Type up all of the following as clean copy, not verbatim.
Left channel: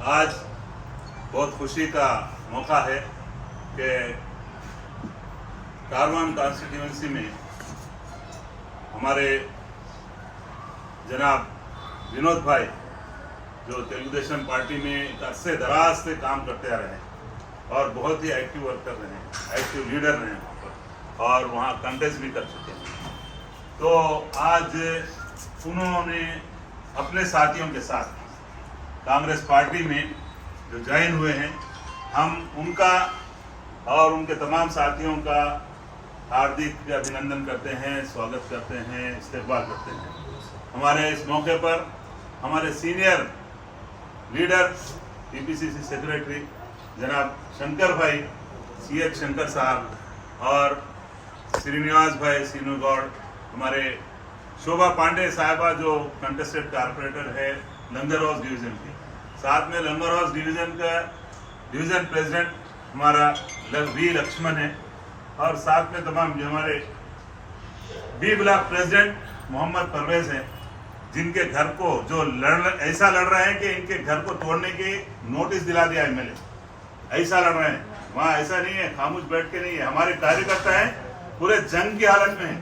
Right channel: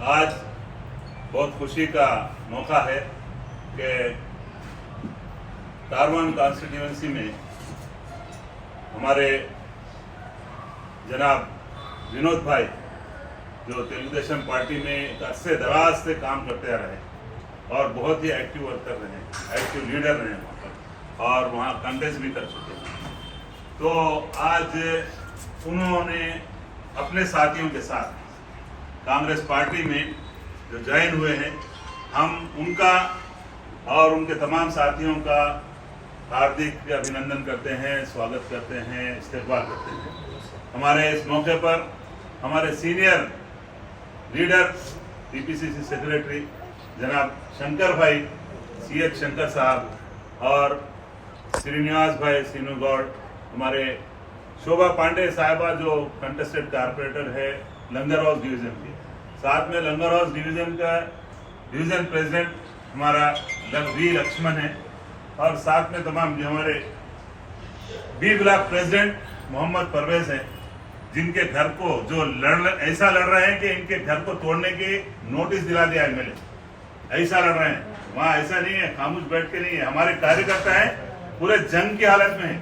आज बहुत खुशी का मौका है कि कारवान कॉन्स्टिट्यूंसी में हमारे जनाब विनोद भाई जो तेलुगुदेशम पार्टी में अरसे दराज से काम करते आ रहे हैं और बहुत ही एक्टिव वर्कर रहे हैं, एक्टिव लीडर रहे हैं वहाँ पर और वहाँ कंटेस्ट भी कर चुके हैं। तो आज उन्होंने अपने साथियों के साथ कांग्रेस पार्टी में जो ज्वाइन हुए हैं, हम उनका और उनके तमाम साथियों का हार्दिक अभिनंदन करते हैं, स्वागत करते हैं, इस्तेकबाल करते हैं। हमारे इस मौके पर हमारे सीनियर लीडर टीपीसीसी सेक्रेटरी जनाब शंकर भाई CH शंकर साहब और श्रीनिवास भाई सीनू गौड़, हमारे शोभा पांडे साहिबा जो कंटेस्टेड कारपोरेटर है लंगर हाउस डिवीजन के, साथ में लंगर हाउस डिवीजन का डिवीजन प्रेसिडेंट हमारा वी लक्ष्मण है और साथ में तमाम जो हमारे B block president Mohammed Parvez हैं, जिनके घर को जो ऐसा लड़ रहे हैं कि इनके घर को तोड़ने के नोटिस दिला दिया MLA, ऐसा लड़ रहे हैं। वहाँ ऐसा नहीं है खामोश बैठ के नहीं है, हमारे कार्यकर्ता है पूरे जंग की हालत में है।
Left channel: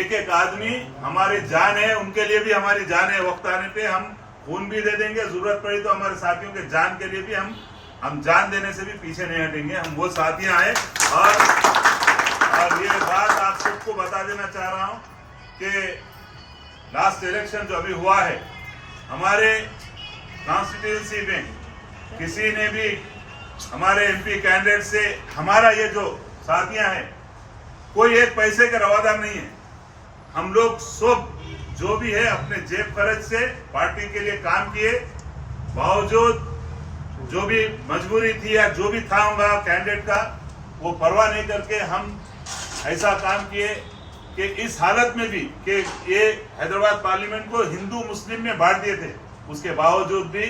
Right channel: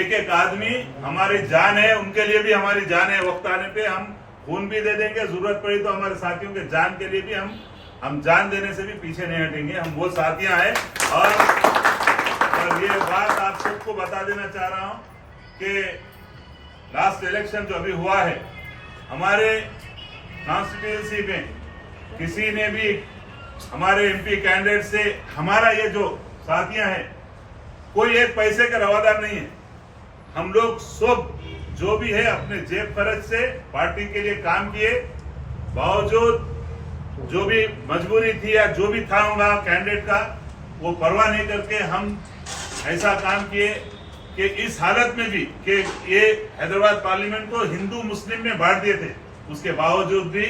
एक एक आदमी हमारी जान है, उनके लिए भी हमारी जान है। वक्त आने पे हम खून भी दे देंगे, जरूरत पड़ी तो हमारे साथियों के जान के लिए भी हम जान देने से भी पीछे नहीं हटेंगे। हम वो साथियां हैं और ये बात आप सबको बता देना चाह रहा हूं कि लास्ट इलेक्शन जो अभी हुआ है हमारे कॉन्स्टिट्यूंसी में, किसी ने भी हमारे MP कैंडिडेट से हमारा ये जो साथियां हैं कोई एक पैसे का रवादार नहीं है। हम लोग सब जो भी है अपने जेब खर्च से पार्टी के लिए काम किए, बावजूद जो भी मजबूरी थी या जो भी था होगा कैंडिडेट का, वो परवाह नहीं करके हम ऐसा काम किए कि इस हालत में भी कि ये हैदराबाद पार्लियामेंट को हिंदू मुस्लिम में बांट दिए थे, उसके बावजूद भी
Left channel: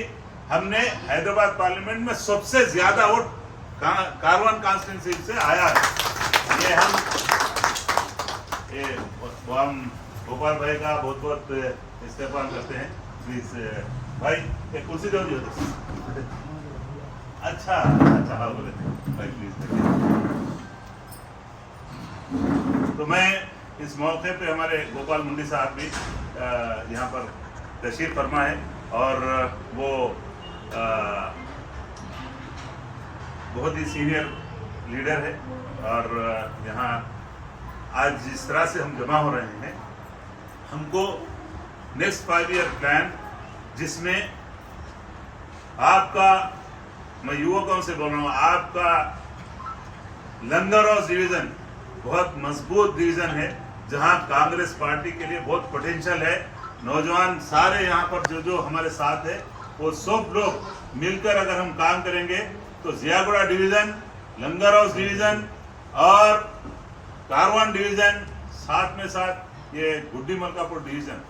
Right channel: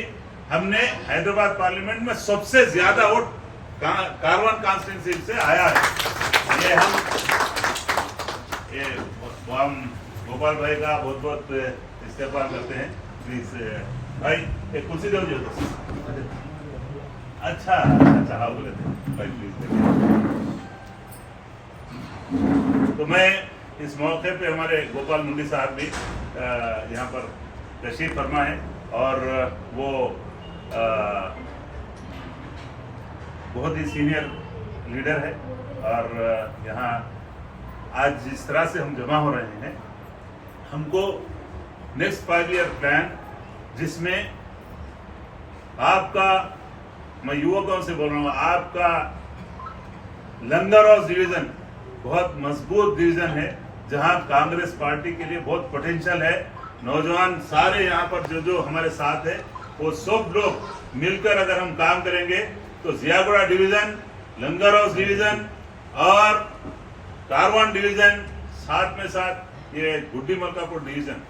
हमने हैदराबाद पार्लियामेंट में सबसे ज्यादा वोट कारवान कॉन्स्टिट्यूंसी से आया है। ये हम गोपाल भाई का बहुत बहुत इस्तेमाल करते हैं। प्लीज भाई एक कुर्सी दो। अच्छा हाँ बोले भाई प्लीज देखिए। तो मैं इस मौके पे हमारे गोपाल मुंडी साहब भी यहाँ पर तशरीफ फरमा है और वो बहुत ही सीनियर लीडर है और यहाँ आज जिस तरह से हम जमा हो रहे हैं, हमको नेक्स्ट 5 ईयर प्लान जिसमें आपका, मैं युवकों से बोल रहा हूँ, आपका लंगर हाउस डिवीजन बहुत मजबूत डिवीजन है जहां कांग्रेस पार्टी के लिए बहुत पोटेंशियल है। नौजवान सारे यहाँ पर जो हमारे साथ है वो सब लोग मिलकर अगर हम काम करेंगे तो जियागुड़ा डिवीजन, लंगर हाउस डिवीजन और कारवान डिवीजन, साथ में साथ ये गुड्डी मलकापुर डिवीजन,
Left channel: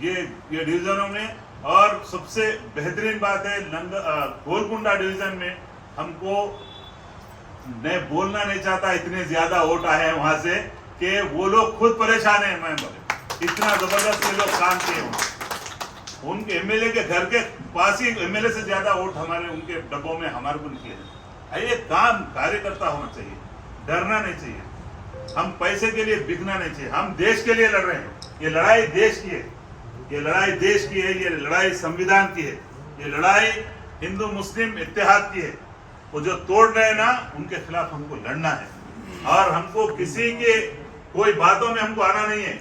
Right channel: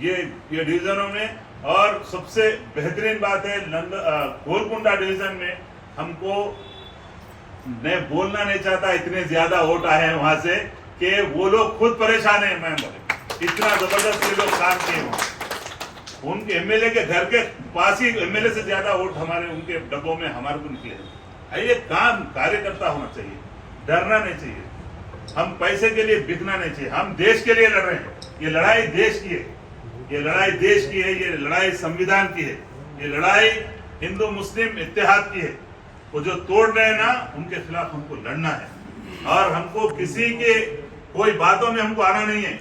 ये डिवीजनों में, और सबसे बेहतरीन बात है गोलकुंडा डिवीजन में हमको, मैं बोलना नहीं चाहता इतने ज्यादा वोट आए हैं वहां से कि वो लोग खुद परेशान है। मैं इतना जबरदस्त ये लोग काम किए हुए, उनके MLA के घर के पास ही MLA से ज्यादा वोट हमारे उनके डब्बों में हमारे को निकले। ये काम कार्यकर्ता होना चाहिए, डरना नहीं चाहिए, हम पैसे के लिए बिकना नहीं चाहिए, हम देश के लिए लड़ रहे हैं। ये लड़ाई देश की है, ये लड़ाई देश की है, ये लड़ाई संविधान की है, ये लड़ाई हिंदू मुस्लिम इत्तेहाद की है। वो जो तोड़ रहे हैं ना, उनके खिलाफ हमको लड़ना है और हमको किसी के कोई बातों में हमको आना नहीं है।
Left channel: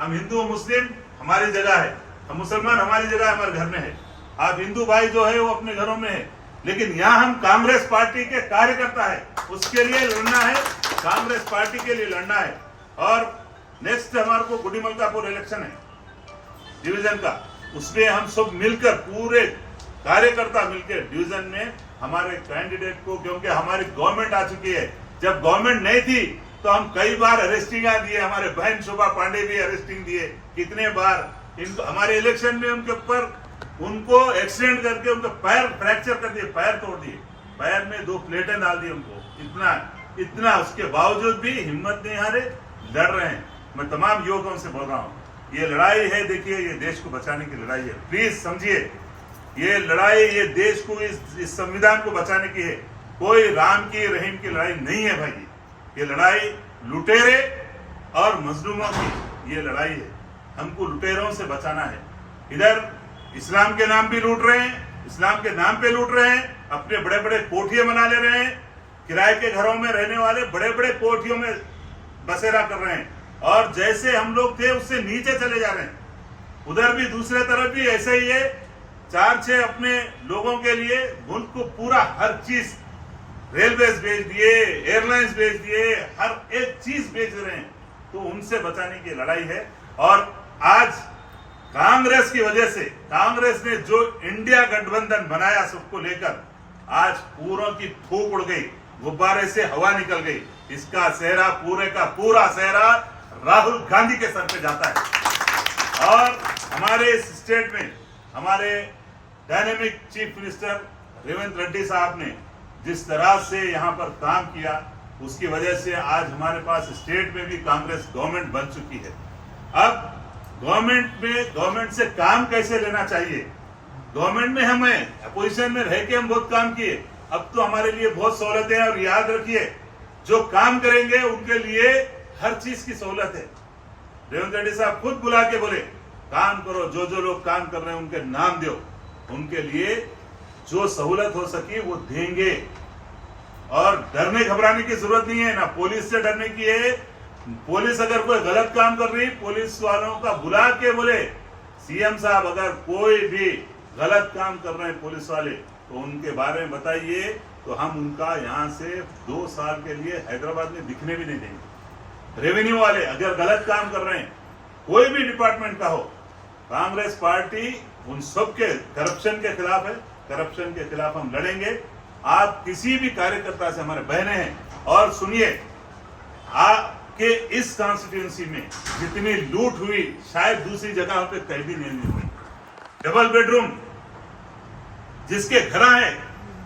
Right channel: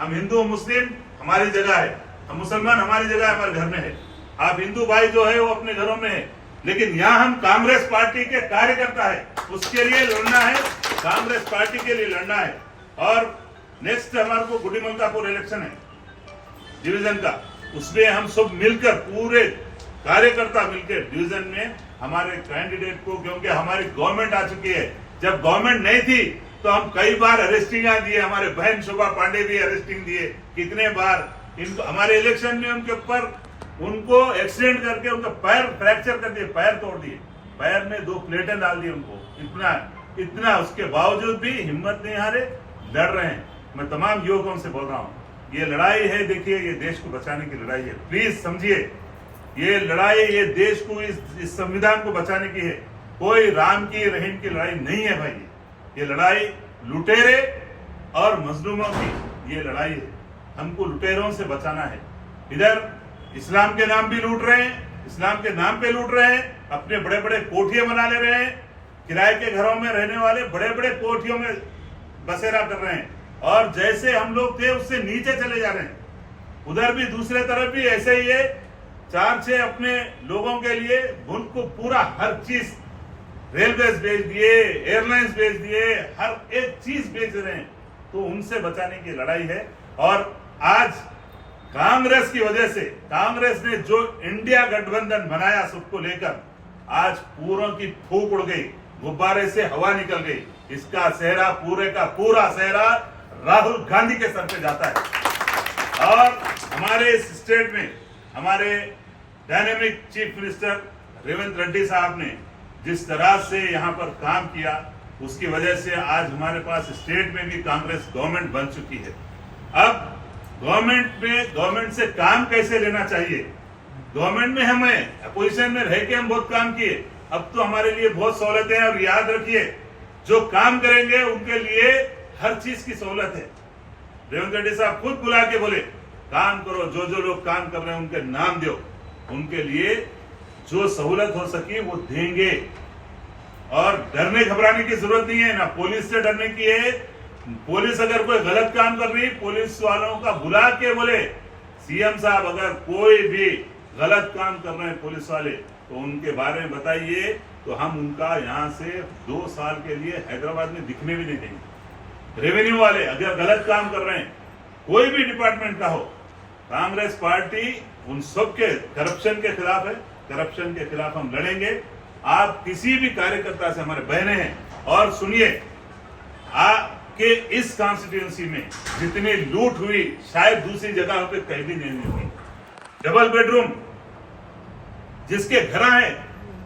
हम हिंदू मुस्लिम हमारी जगह है, हम मुसलमान हमारी जगह हमारे घर में है, आप हिंदू भाई जो है वो अपने घरों में है, लेकिन यहाँ हम कांग्रेस पार्टी के कार्यकर्ता है, उसके लिए लड़ना है, कांग्रेस पार्टी के लिए लड़ना है। और नेक्स्ट हमारे को गुड्डी मलकापुर इलेक्शन है डिवीजन का, उसमें हम सब मिलकर पूरे कार्यकर्ता मिलकर डिवीजन में हमारे कैंडिडेट को, क्योंकि हमारी गवर्नमेंट आ चुकी है, जब गवर्नमेंट नहीं थी तो हम कई बार अरेस्टिंग दिए, हमारे बहन शोभा पांडे भी अरेस्टिंग दिए, कितने बार इनको हमारे इलेक्शन में उनके ऊपर उनको एक्सीडेंट करके उनका पैर फ्रैक्चर कर दिए, पैर तोड़ दिए, पैर में 2 प्लेटें डाल दी उनको, इतना उसके बावजूद भी हिम्मत नहीं हारे, लड़ रहे हैं। मैं तमाम युवकों से बोल रहा हूँ, ये लड़ाई है, देखिए ये देश को बचाने की लड़ाई है। प्लीज समझिए, ये लड़ाई ये देश को इस संविधान को बचाने की है। कोई राम की रहीम की लड़ाई नहीं है भाई। ये लड़ाई लुटेरे और मजलूमों की ये लड़ाई है। हमको लुटेरों से बचाना है। इधर इस्लाम के नाम भी लूट रहे हैं, इस्लाम के नाम पे लूट रहे हैं, अपने बड़े बड़े कोठियां बना ले रहे हैं, किराए के घरों में रहने वाले बड़े बड़े कोठियों में बसेरा कर रहे हैं, और जैसे हम लोग थे उससे नीचे चले जा रहे हैं। उधर भी दूसरे तरफ भी ऐसे ही है। 4-6 अपने लोगों के लिए मुल्क को पूरा हर चीज, रेलवे बेच दिए, एयरलाइंस बेच दिए, हर एक चीज बेच रहे हैं। तो उनसे बचाने की लड़ाई है। और आज कांग्रेस की वजह से, कांग्रेस ने जो इंडिया गठबंधन बनाया सबको लेकर, आज पूरों की फूंक उड़ गई, गुब्बारे से हवा निकल गई। इसका सेहरा, पूरे का पूरा सेहरा राहुल गांधी के सर पे जाता है। और हमारे इस स्टेट में हमारे dynamic chief minister Revanth Reddy साहब ने जिस तरह से यहाँ पर काम किया, उसकी वजह से आज हमारे पास स्टेट में भी कांग्रेस गवर्नमेंट बन चुकी है। अब गवर्नमेंट से काम कैसे लेना चाहिए, गवर्नमेंट में हमें अपोजिशन में रह के हम बहुत काम किए, अब तो हमारे लिए बहुत सहूलतें हैं। और याद रखिए, जो काम करेंगे उनके लिए हर चीज की सहूलत है। रेवंत रेड्डी साहब खुद बुला के बोले, काम करो, जो जो लोग काम कर रहे हैं उनके नाम दो, उनके लिए जो सहूलत हो सकी वो देंगे। और डरने घबराने की जरूरत नहीं है, ना पुलिस से डरने की है। पुलिस अगर कोई गलत काम कर रही, पुलिस वालों का बुला के बोले, सीएम साहब अगर कोई भी गलत काम कर रहे हैं पुलिस वाले, तो उनके बारे में बताइए, तो हम उनका यहाँ से 2 साल के लिए हैदराबाद में दिखने भी नहीं देंगे। रेवेन्यू वाले अगर गलत काम कर रहे हैं, कोई भी डिपार्टमेंट का हो, कांग्रेस पार्टी उन सब के करप्शन के खिलाफ है। करप्शन के खिलाफ हम लड़ेंगे। आप किसी भी कार्यकर्ता से, हमारे बहनें हैं, और सुनिए, आपके इस कॉन्स्टिट्यूएंसी में जितनी लूट हुई शायद दूसरी जगह पे कहीं नहीं हुई। डबल बेडरूम जिसके घर है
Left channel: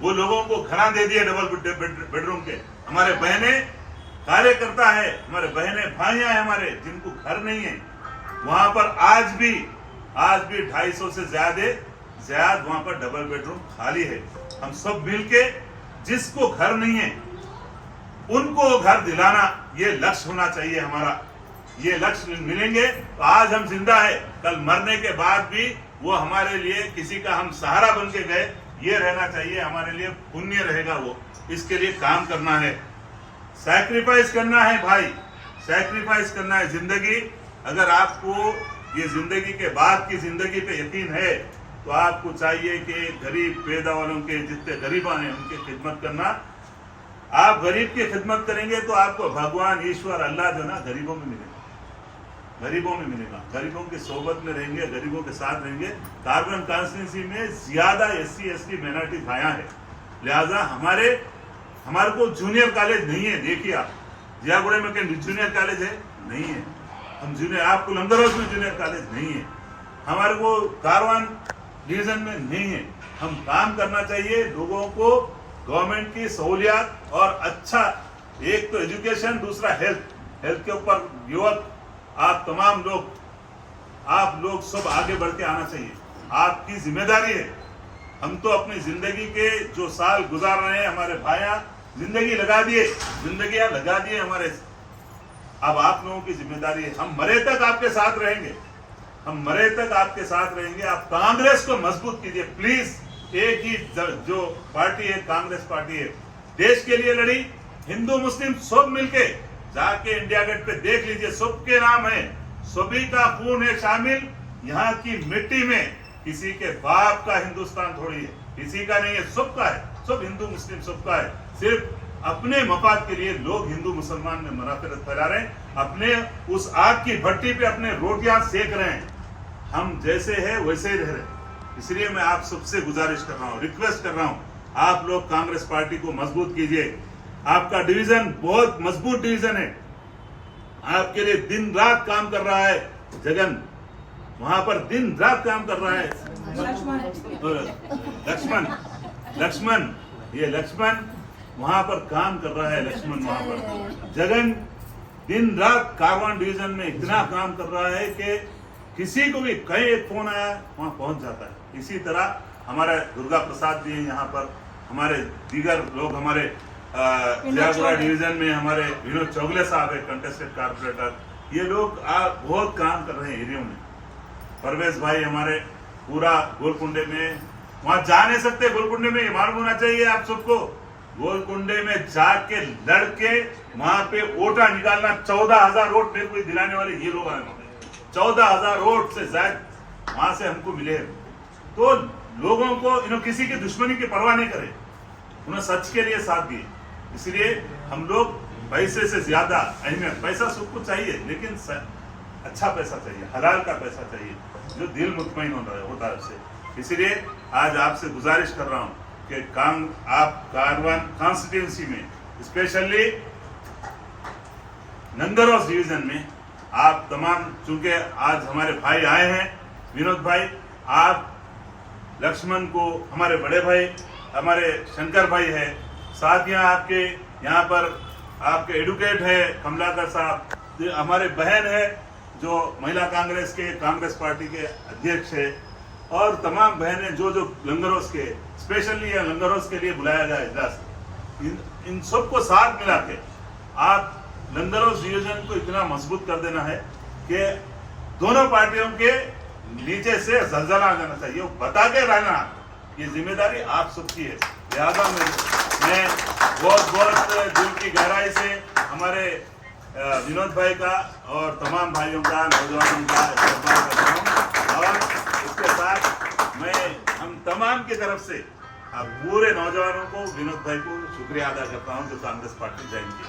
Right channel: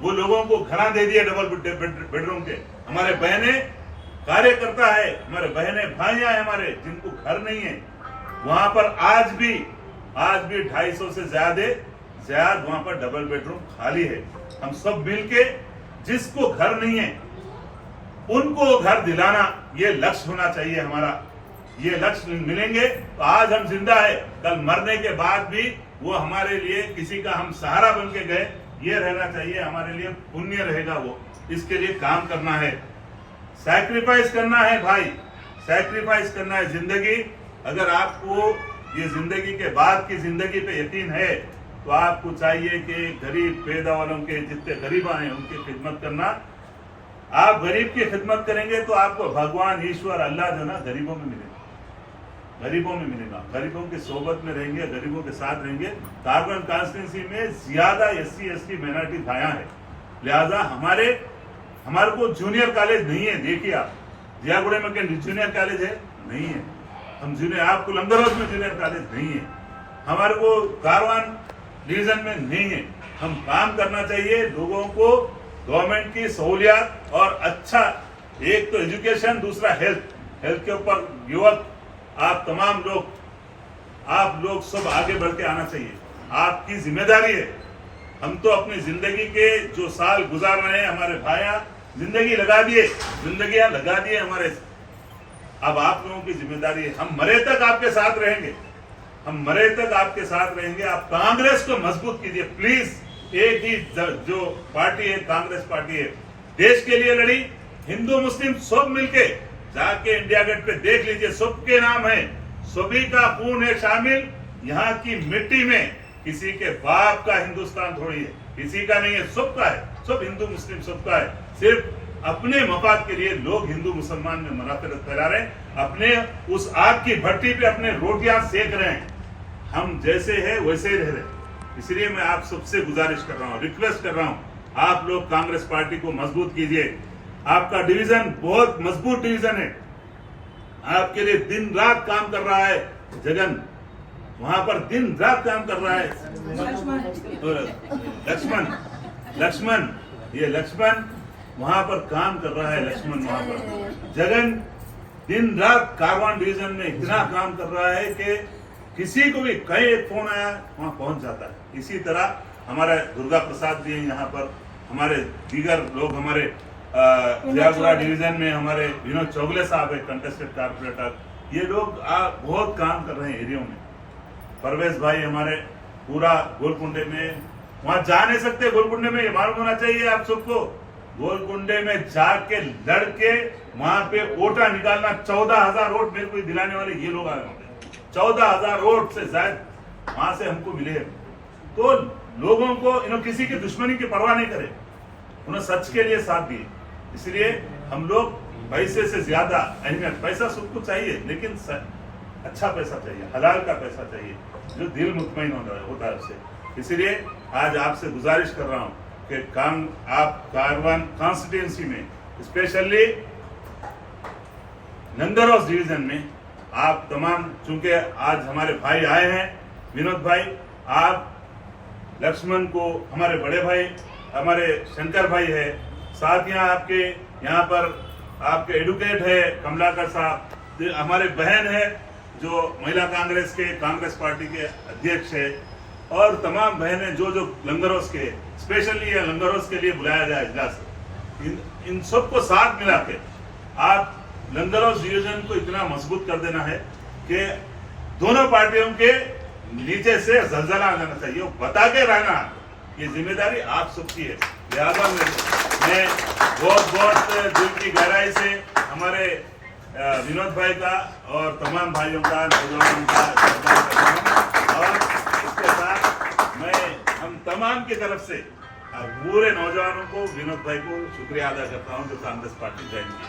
वो लोगों को घर दे दिए डबल बेडरूम के। हमारे बहने कार्यकर्ता है, हमारे बहने भाइयां हैं हमारे, जिनको घर नहीं है, वहां पर आज भी 250 से ज्यादा वहां पर डबल बेडरूम खाली है। हम सब मिलके जिसको घर नहीं है उनको घर दिलाना, ये लक्ष्य होना चाहिए हमारा। ये लक्ष्य मिलेंगे तो आज हम जिंदा है, कल मरने के बाद भी वो हमारे लिए किसी का हम सहारा बन के गए, ये रहना चाहिए, हमारे लिए पुण्य रहेगा। वो इसके लिए काम करना है, सैक्रिफाइस करना है भाई, सैक्रिफाइस करना है। जिंदगी, अगर आपको ये जिंदगी के बाद की जिंदगी पे यकीन है, तो आपको चाहिए कि गरीब पैदा वालों के, जितने गरीब हैं उनकी खिदमत करना। आप गरीब की खिदमत करेंगे तो आपको भगवान, ईश्वर, अल्लाह जो ना गरीबों में मिलेगा, गरीबों में मिलेगा। गरीबों की सोबत में रहेंगे, गरीबों के साथ रहेंगे। कारगन कॉन्स्टिट्यूंसी में ज्यादा SC ST माइनॉरिटी भाया है, लिहाजा हमारे को जूनियर कॉलेज नहीं है। देखिए आप जियागुड़े में क्या जूनियर कॉलेज है? नहीं है। हम जूनियर, आपको लंगरोज में जूनियर कॉलेज नहीं है, हमारे को कारवान डिवीजन में नहीं है। हम काम करना चाहिए, लोगों को गवर्नमेंट की सहूलियत और अच्छा, एक तो एजुकेशन, दूसरा हेल्थ के ऊपर युवक, आप तमाम लोग, आप लोग सब आगे बढ़ के आना चाहिए, आपकी जिम्मेदारी है। हम तो अपनी जिंदगी के जो साल गुजार रहे हैं, हमारे भाइयां जिंदगियां लगा दिए हमारे, अब आप लोगों की जिम्मेदारी है। हम मरे तक आपके साथ रहेंगे, हम मरे तक आपके साथ रहेंगे। आप कांग्रेस को मजबूत कीजिए प्लीज। एक ही जो पार्टी है, कांग्रेस पार्टी है, देश के लिए लड़ी, हिंदू मुस्लिम सब मिलके जाके इंडिया गेट पे देख लीजिए, सबके नाम है, सभी का खून है शामिल। यहाँ की मिट्टी में किसी के बाप का हिंदुस्तान थोड़ी है, किसी का नहीं है, सबका है, सब हिंदू मुस्लिम सबका है। सिर्फ अपने मफाद के लिए लोग हिंदू मुसलमान में मनाफरत फैला रहे हैं, अपने उस आग की भट्टी पे अपने रोटियां सेक रहे हैं। हम जैसे है वैसे ही रह रहे हैं। इसलिए मैं आप सबसे गुजारिश कर रहा हूँ, रिक्वेस्ट कर रहा हूँ, आप लोग कांग्रेस पार्टी को मजबूत कीजिए। आपका डिवीजन बहुत मजबूत डिवीजन है, आपके लिए दिन रात काम कर रहा है जगन, वहां पर दिन रात काम कर रहा है लक्ष्मण वहां पर काम कर रहा है। लक्ष्मण वहां पर, जगन दिन रात कारवान डिवीजन में इतना काम कर रहा है कि किसी को भी कहीं एक फोन आया वहां पहुंच जाता है। इसी तरह हमारे दुर्गा प्रसाद जी हैं यहाँ पर, हमारे दीगर लोग, हमारे जयापुरा डिवीजन में हमारे विनोद चौगले साहब है कंटेस्टेड कारपोरेटर, ये लोग बहुत काम कर रहे हैं एरिया में। परवेश भाई हमारे पूरा गोलकुंडे में, वहां जा नहीं सकते गोलकुंडे में, ये मालूम होना चाहिए आप सबको। गोलकुंडे में जाके लड़के वहां पे वोटा निकालना, 14,000 वोट मेरे को दिलाने वाले ये लोग आए होंगे। 14,000 वोट से ज्यादा वहां से हमको मिले। तो लोगों को इन्होंने किसी की दुश्मनी की परवाह नहीं करे, उन्होंने सच के लिए साथ दिए। इसलिए हम लोग पैसे से ज्यादा अहमियत, पैसा सबको चाहिए लेकिन अच्छा पैसा चाहिए, हलाल का पैसा चाहिए जो दिल मुतमईन होता है उससे। इसलिए आज आपसे गुजारिश कर रहा हूं कि आप कारवान कॉन्स्टिट्यूंसी में, स्पेशली नंदरोस डिवीजन में आप तमाम, चूंकि आज हमारे भाई आए हैं, विनोद भाई, आप लक्ष्मण को, हमारे बड़े भाई, हमारे शंकर भाई है, साथ आपके यहाँ पर आपके एडवोकेट है कमलाकर साहब, हमारे बहन है जो महिला कांग्रेस पार्टी के अध्यक्ष है, और तमाम बहनें जो लंगरोस के, स्पेशली ये लंगरोस के लिए बुलाया गया इजलास, इन सबको साथ मिला के आप लंगरोस डिवीजन को इतना मजबूत कर देना है कि दोनों पार्टियों के नीचे से जलजला आ जाना चाहिए, बता के रहना, ये जिम्मेदारी आप सबकी है। लिहाजा मैं बहुत दिल की गहराई से हमारे विनोद भाई का और तमाम भाइयों का, नौजवानों का सम्मान करता हूँ, और इसके साथ मैं हम तमाम की तरफ से पूरे नौजवानों को, विनोद भाई को शुक्रिया अदा करता हूँ जो कांग्रेस पार्टी ज्वाइन की।